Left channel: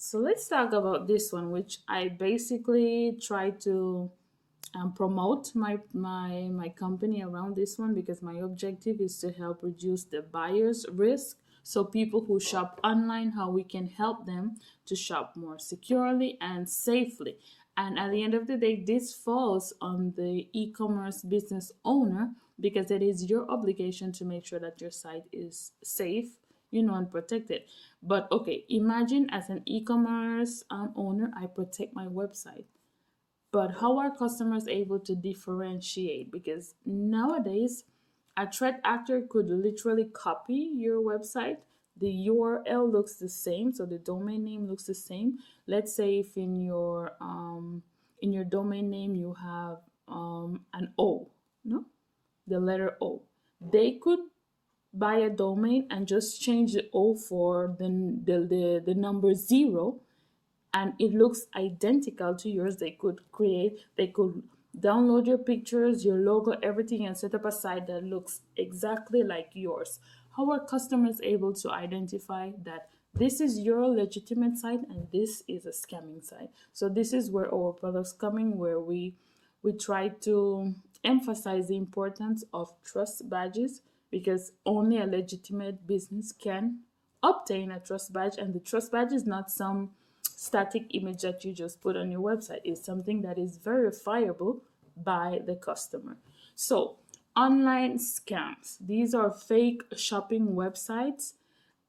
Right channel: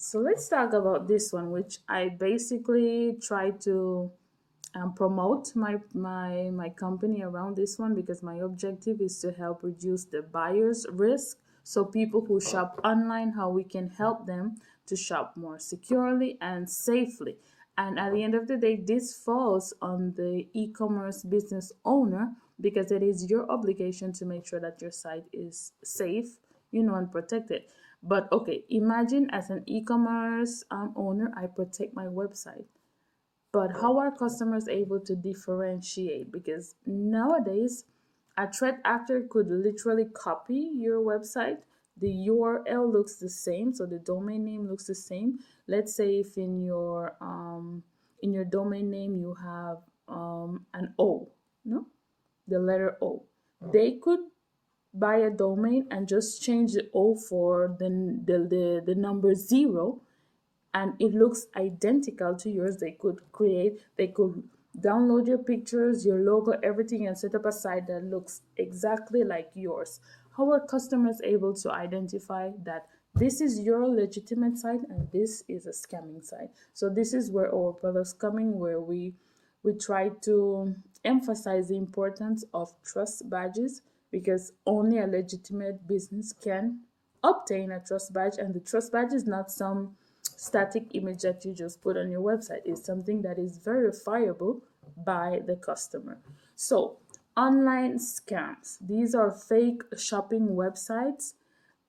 So let's talk about this one, which I basically try to promote my company around this one, because my objective is to help reduce the buyer's risk. So people who shop online, how we can help them to shop more securely and safely. And at the end of the day, this falls on the e-commerce business owner, because it is your obligation to make sure that your site is safe, and protected. But okay, imagine as an e-commerce owner, I protect my website, but how are customers able to differentiate? Because nowadays, a threat actor could literally copy your website. The URL looks the same, so the domain name looks the same. Let's say if in your domain name you have an O, no, the letter O. They could buy a domain and just change the O for the number zero, and it looks identical to yours. They could download your pictures, your logo, everything, and set up a site that looks exactly like yours. How are customers able to identify that this is your legitimate site and this is a scamming site? So this is where our products come in, where we try to emphasize the importance of trust badges, because only a legitimate business can obtain a trust badge. And the trust badge is not some static image that you just put on your website. It's something that is verifiable by the customer. So online scams, these are fake shopping websites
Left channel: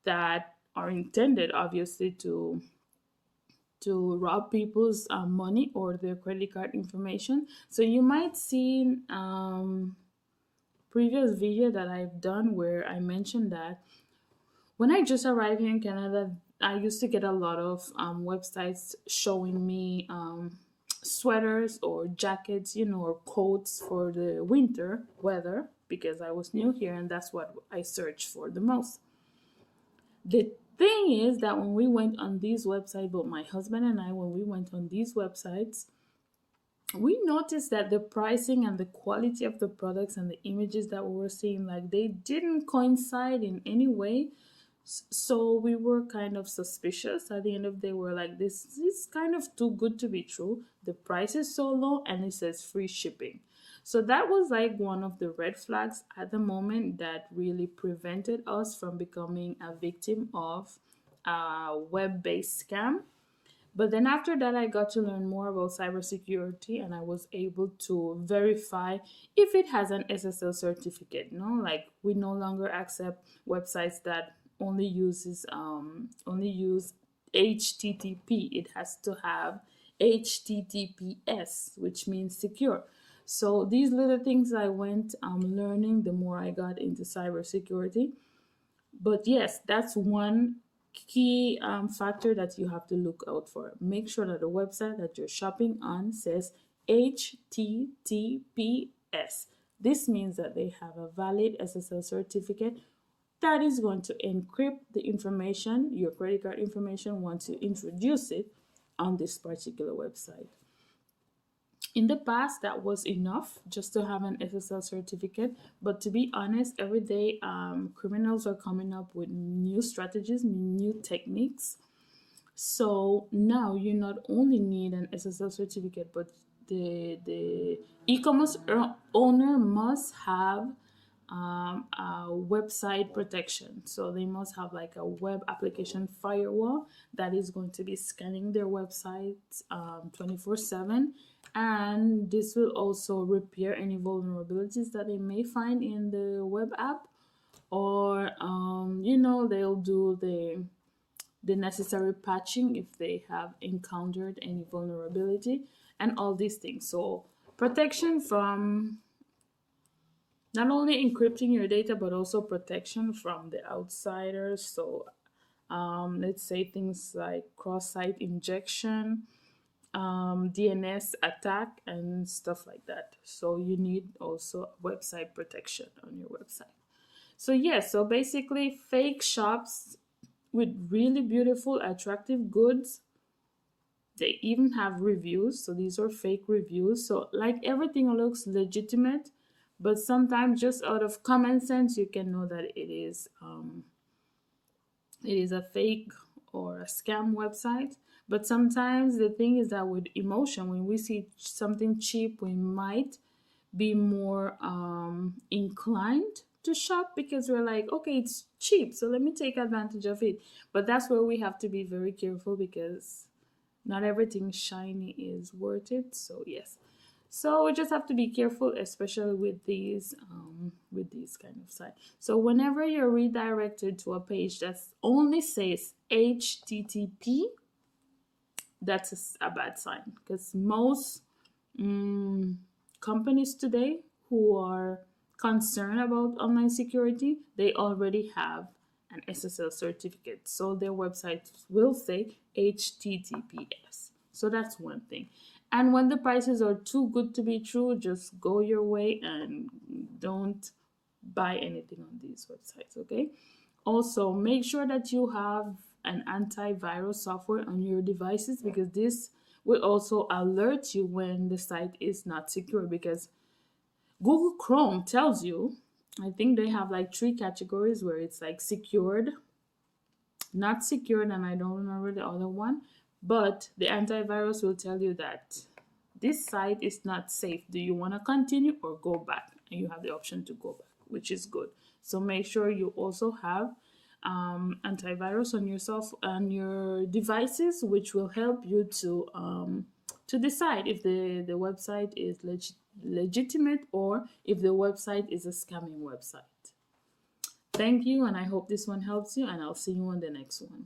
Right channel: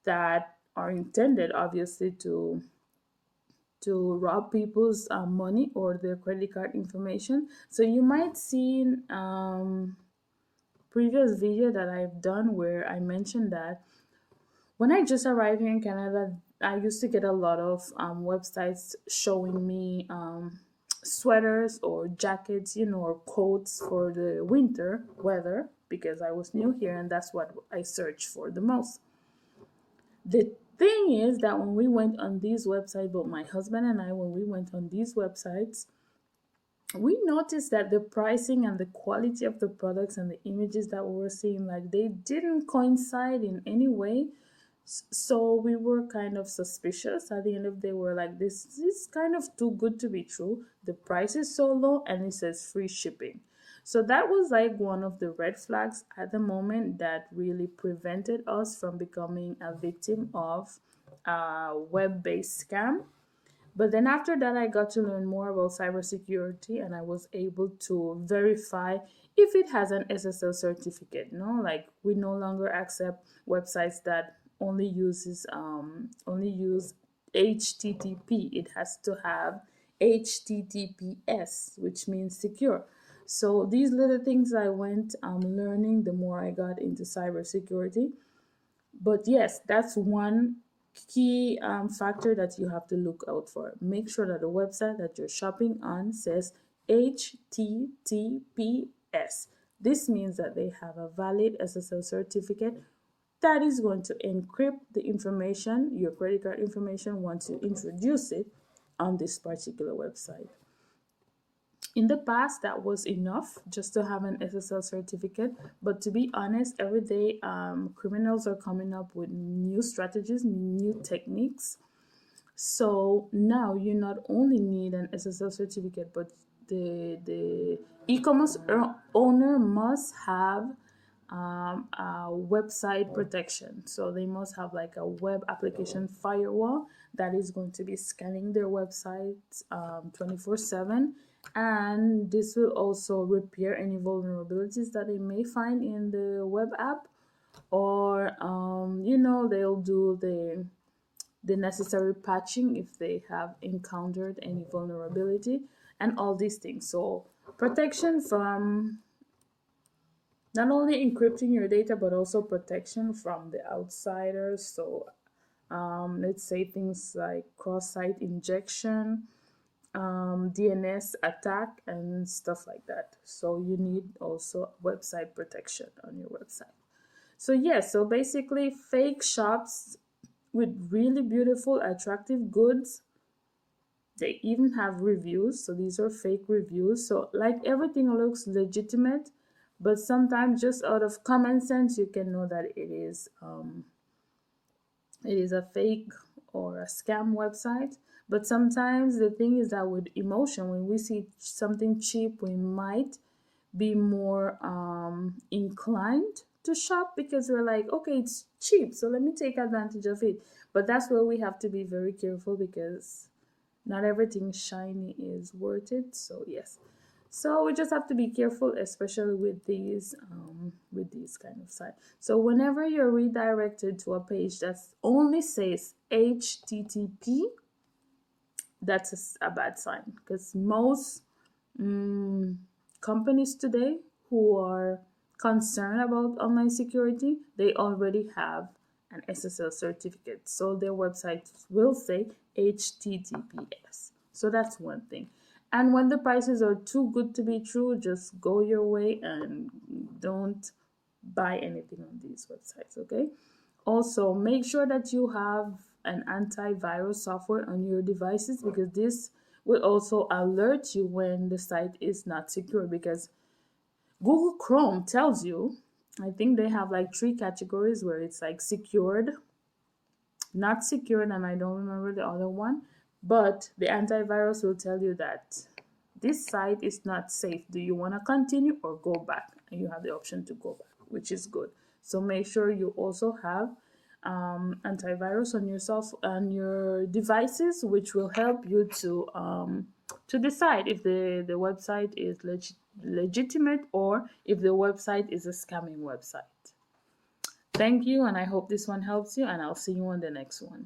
that are intended obviously to rob people's money or their credit card information. So you might see previous video that I've done where I mentioned that when I just arrived here in Canada, I used to get a lot of websites showing me sweaters or jackets, or coats for the winter weather, because I was new here and that's what I searched for the most. The thing is that when we went on these websites, both my husband and I, when we went on these websites, we noticed that the pricing and the quality of the products and the images that we were seeing, like, they didn't coincide in any way. So we were kind of suspicious. At the end of the day, we're like, this is kind of too good to be true. The price is so low and it says free shipping. So that was like one of the red flags at the moment that really prevented us from becoming a victim of a web-based scam. But then after that, I got to learn more about cybersecurity, and I was able to verify if it has an SSL certificate. Like, we no longer accept websites that only use HTTP. It has to have HTTPS, which means secure. So these little things I went learning the more I got into cybersecurity. But yes, that's one key factor that you have to look out for. Make sure that the website that you're shopping on says HTTPS. This means that they have a valid SSL certificate that is going to encrypt the information, your credit card information, once you introduce it on this particular website. In the past, that was enough just to have an SSL certificate, but to be honest, every day criminals are coming up with new strategies, new techniques. So now you not only need an SSL certificate, but the e-commerce owner must have a website protection. So they must have like a web application firewall that is going to be scanning their websites 24/7. And this will also repair any vulnerabilities that they may find in the web app, or they'll do the necessary patching if they have encountered any vulnerability, and all these things. So protection from not only encrypting your data, but also protection from the outsiders. So let's say things like cross-site injection, DNS attack, and stuff like that. So you need also website protection on your website. So yes, so basically fake shops with really beautiful, attractive goods. They even have reviews. So these are fake reviews. So like everything looks legitimate, but sometimes just out of common sense, you can know that it is a fake or a scam website. But sometimes the thing is that with emotion, when we see something cheap, we might be more inclined to shop because we're like, okay, it's cheap, so let me take advantage of it. But that's where we have to be very careful because not everything shiny is worth it. So yes, so we just have to be careful, especially with these kind of sites. So whenever you're redirected to a page that only says HTTP, that's a bad sign because most mm, companies today who are concerned about online security, they already have an SSL certificate. So their website will say HTTPS. So that's one thing. And when the prices are too good to be true, just go your way and don't buy anything on these websites, okay? Also, make sure that you have an antivirus software on your devices because this will also alert you when the site is not secure because Google Chrome tells you, I think they have like three categories where it's like secured, not secured, and I don't remember the other one, but the antivirus will tell you that this site is not safe. Do you want to continue or go back? And you have the option to go back, which is good. So make sure you also have antivirus on yourself on your devices, which will help you to decide if the website is legitimate or if the website is a scamming website. Thank you, and I hope this one helps you, and I'll see you on the next one.